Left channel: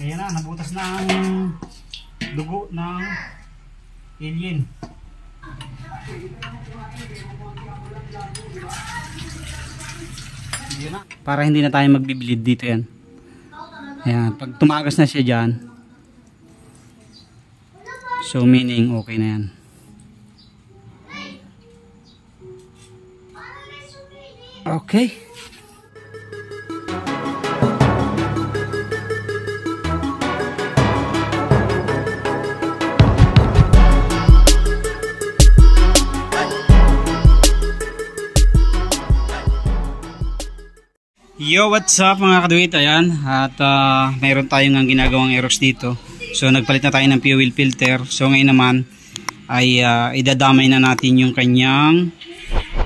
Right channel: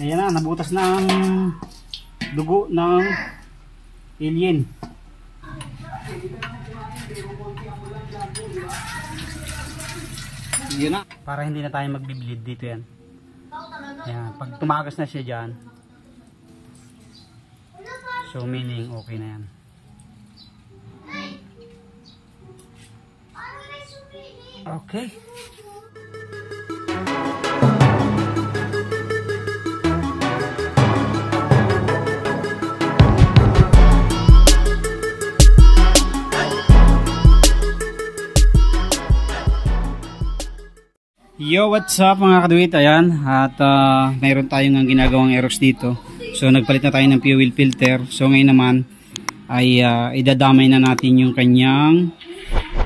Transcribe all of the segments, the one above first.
Ayan na, nabutas na ang dugo ng alien. Yun na, para hindi na tayo magbibilid dito yan. Ayan, pag tumagas na siya dyan, so meaning okay na yan. Okay. Yo, what's up mga kaduit? Ayan, at mayroon tayong ginagawang Aerox dito. So nagpalit na tayo ng fuel filter. So ngayon naman ay idadamay na natin yung kanyang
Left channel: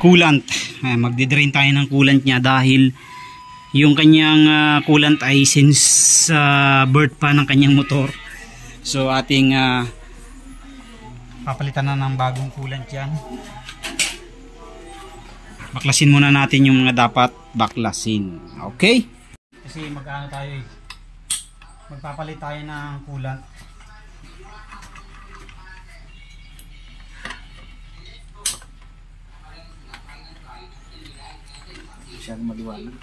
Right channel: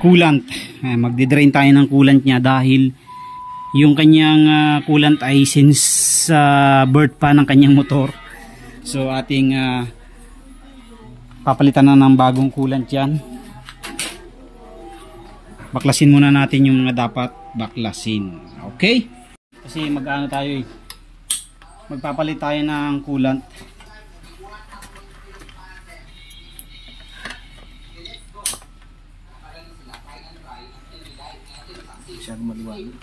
coolant. Magdi-drain tayo ng coolant niya dahil yung kanyang coolant ay since birth pa ng kanyang motor. So ating papalitan na ng bagong coolant yan. Baklasin muna natin yung mga dapat baklasin. Okay? Kasi mag-ano tayo eh. Magpapalit tayo ng coolant. Masyadong maliwanag.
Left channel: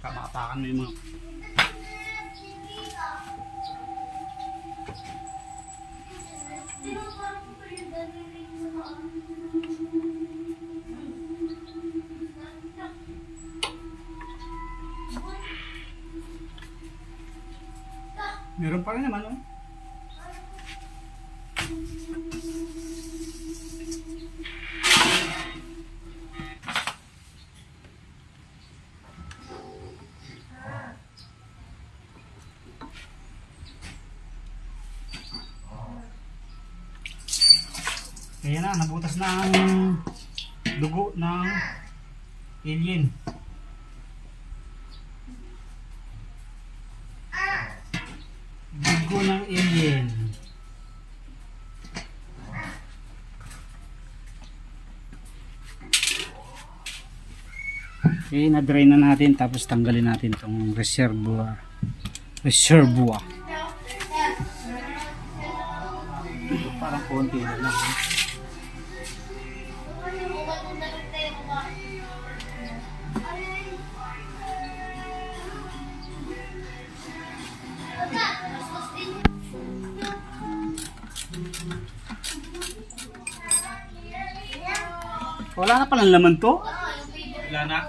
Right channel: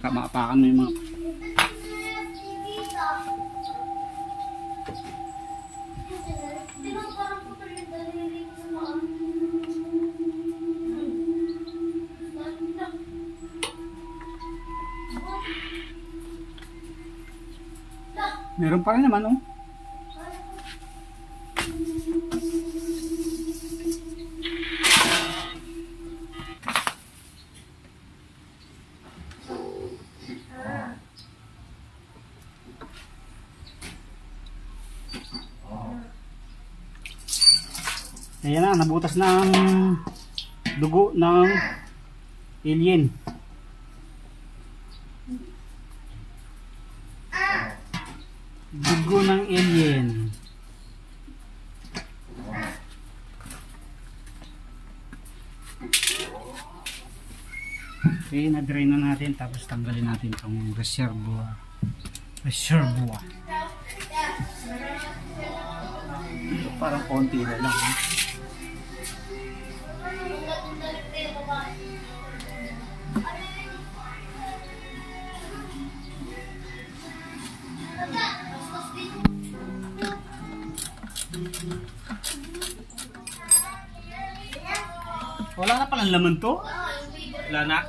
Kamapakan mo yung mga meron pa rin naman oh. Ayan na, nabutas na ang dugo ng alien. Dugo ng alien. Okay, na-drain na natin tapos tanggalin natin itong reservoir. Parang konti na lang. Wala na palang laman to? Wala na.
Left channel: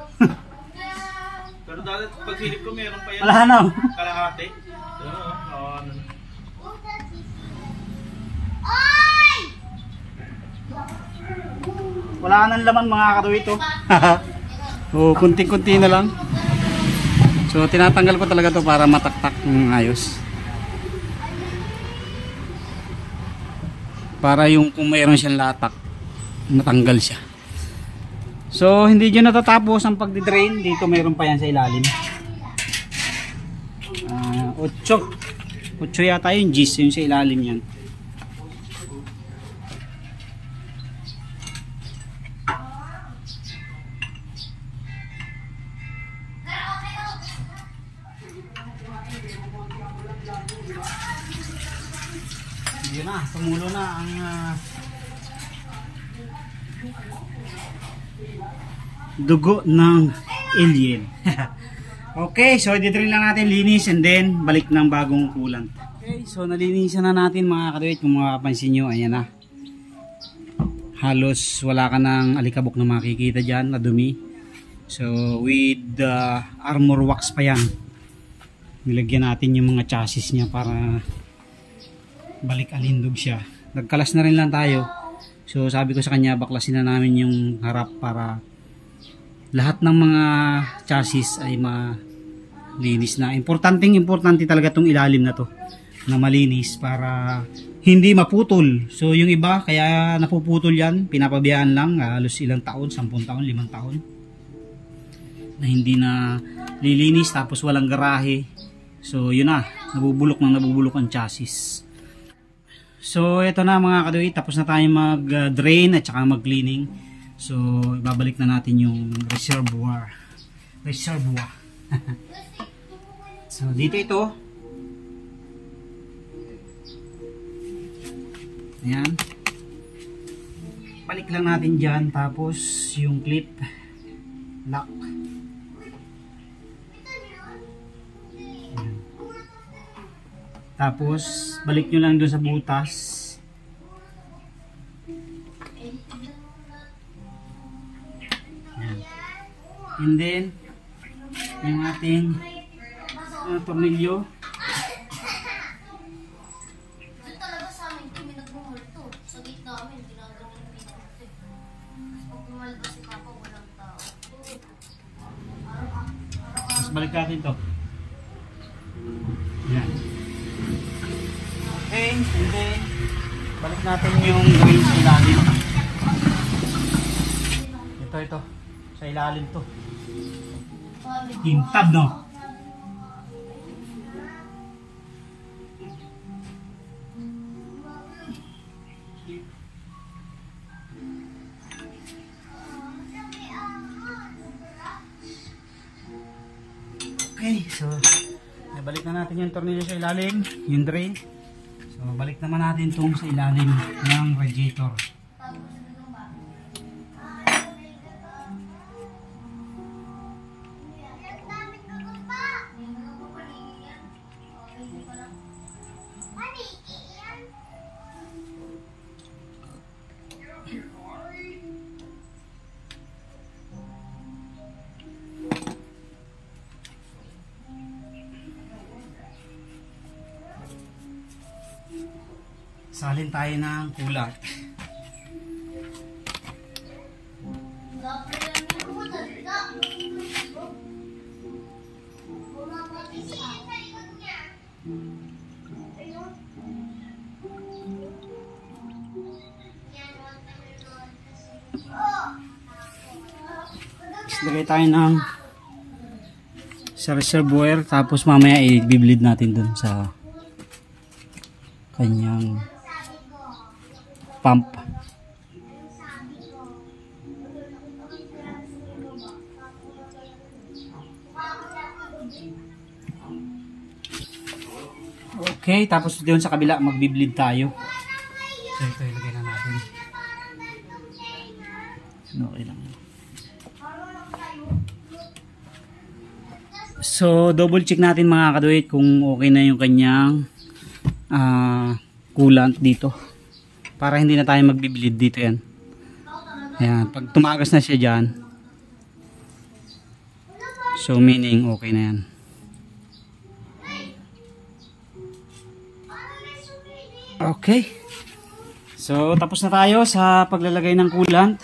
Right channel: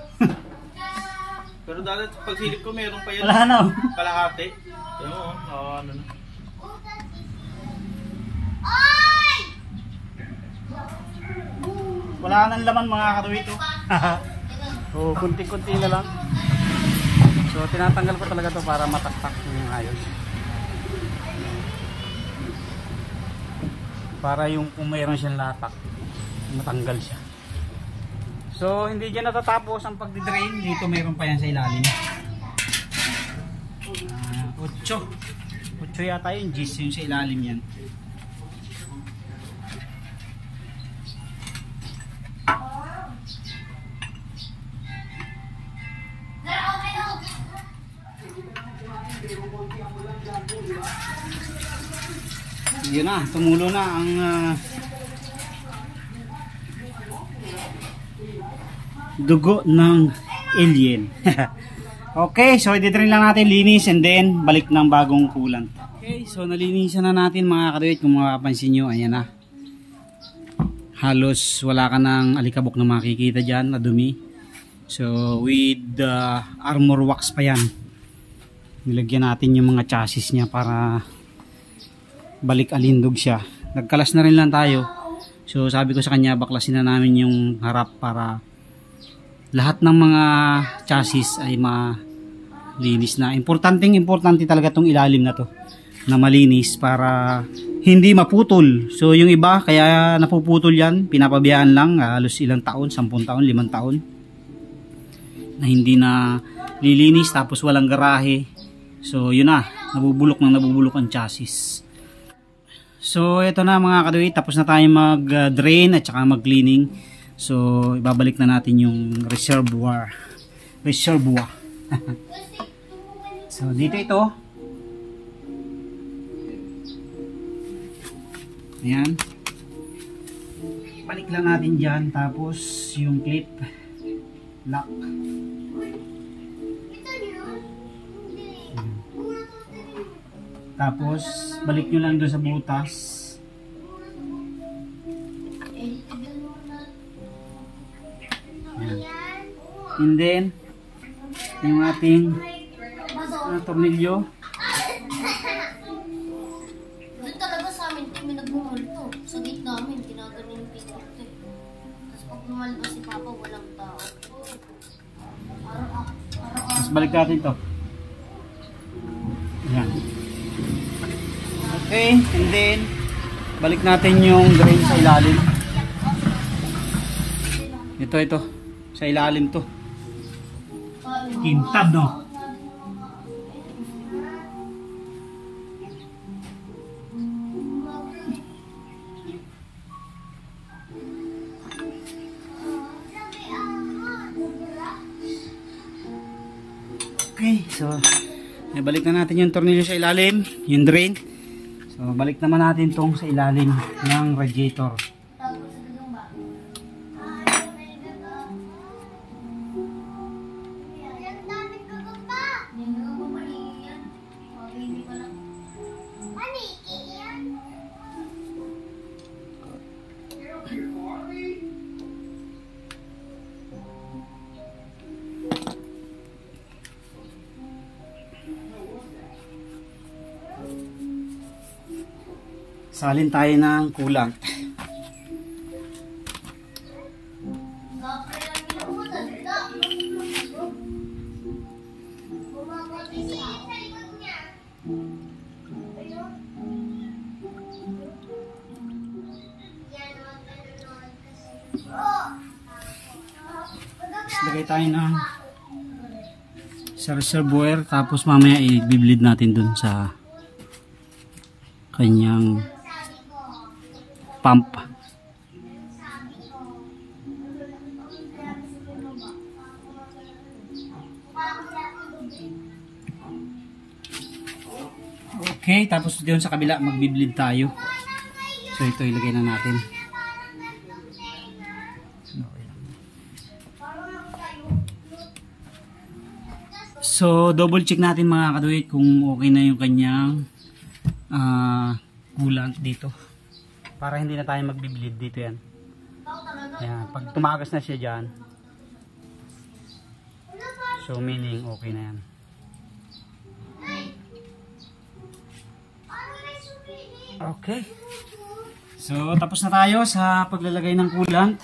Pero dati pag silip ko meron pa yan. Wala na. Kalahati. Ano na. Wala nang laman mga katuwid to. Oh, kunti-kunti na lang. So tinatanggal ko talaga to para mataktak ng ayos. Para yung kung mayroon siyang latak, matanggal siya. So hindi dyan natatapos ang pagdi-drain. Dito mayroon pa yan sa ilalim. 8 yata yung G's yung sa ilalim yan. Yun na, tumulo na ang dugo ng alien. Okay, so i-drain lang natin, linis, and then balik ng bagong coolant. Okay, so nalinisan na natin mga kaduit. Kung makapansin nyo, ayan na. Halos wala ka ng alikabok na makikita dyan na dumi. So with armor wax pa yan. Nilagyan natin yung mga chassis niya para balik alindog siya. Nagkalas na rin lang tayo. So sabi ko sa kanya, baklasin na namin yung harap para lahat ng mga chassis ay malinis na. Importante talaga tong ilalim na to na malinis para hindi maputol. So yung iba kaya napuputol yan, pinapabayaan lang halos ilang taon, 10 taon, 5 taon na hindi na lilinis tapos walang garahe. So yun na, nabubulok ang chassis. So ito na mga kaduit, tapos na tayo mag drain at saka mag cleaning. So ibabalik na natin yung reservoir. So dito ito. Ayan. Balik lang natin dyan. Tapos yung clip lock. Ayan. Tapos balik nyo lang doon sa butas. Ayan. And then yung ating tornilyo. Doon talaga sa amin kami nagmumulto. Sa gate namin, ginagawa yung pinito. Tapos pag pumalabas si Papa, walang tao. Tapos balik natin to. Ayan. Okay, and then balik natin yung drain sa ilalim. Ito. Sa ilalim to. Kintab, no? Okay, so balik na natin yung tornilyo sa ilalim, yung drain. So balik naman natin tong sa ilalim ng radiator. Salin tayo ng coolant. Lagay tayo ng sa reservoir, tapos mamaya i-bleed natin dun sa kanyang pump. Okay, tapos doon sa kabila magbi-bleed tayo. So ito ilagay na natin. Okay lang. So double check natin mga kaduit kung okay na yung kanyang coolant dito. Para hindi na tayo magbi-bleed dito yan. Ayan, pag tumagas na siya dyan, so meaning okay na yan. Okay. So tapos na tayo sa paglalagay ng coolant.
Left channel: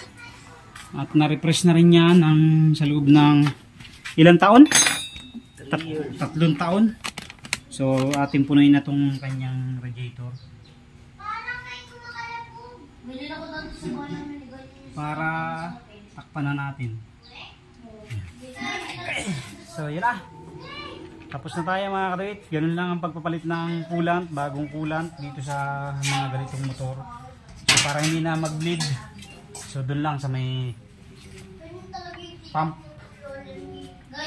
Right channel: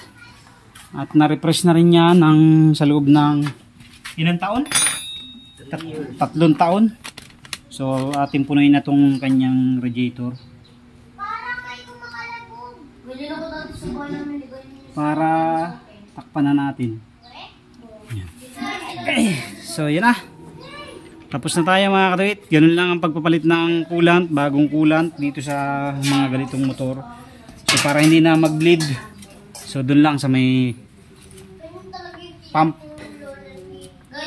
At na-refresh na rin yan sa loob ng ilang taon? 3 taon. So ating punuin na tong kanyang radiator. Para takpan na natin. Okay. So yan na. Tapos na tayo mga kaduit. Ganun lang ang pagpapalit ng coolant, bagong coolant dito sa mga ganitong motor. So para hindi na mag-bleed. So doon lang sa may pump.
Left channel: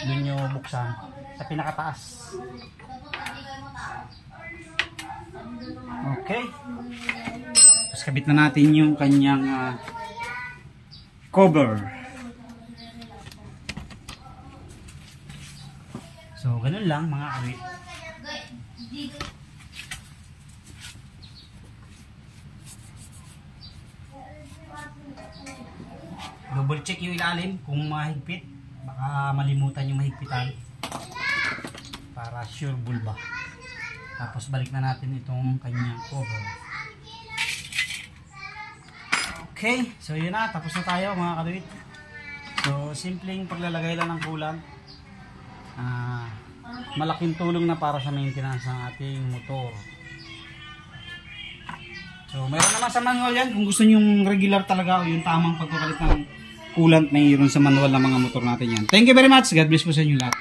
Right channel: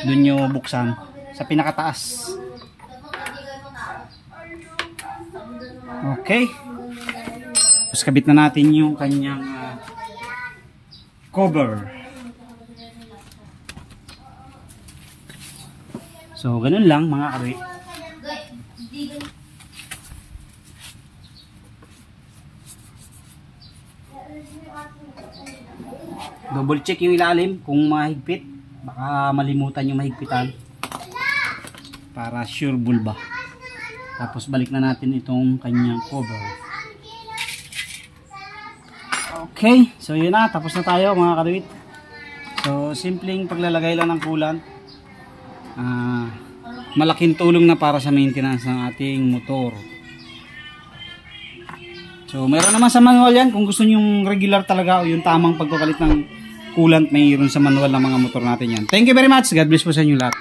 Doon nyo buksan sa pinakataas. Okay. Tapos kabit na natin yung kanyang cover. So ganun lang mga kaduit. Double check yung ilalim kung mahigpit. Baka malimutan yung mahigpitan. Para sure bulba. Tapos balik na natin itong kanyang cover. Okay, so yun na, tapos na tayo mga kaduit. So simpleng paglalagay lang ng coolant. Malaking tulong na para sa maintenance ng ating motor. So mayroon naman sa manual yan kung gusto nyong regular talaga o yung tamang pagpapalit ng coolant, mayroon sa manual ng mga motor natin yan. Thank you very much, God bless po sa inyo lahat.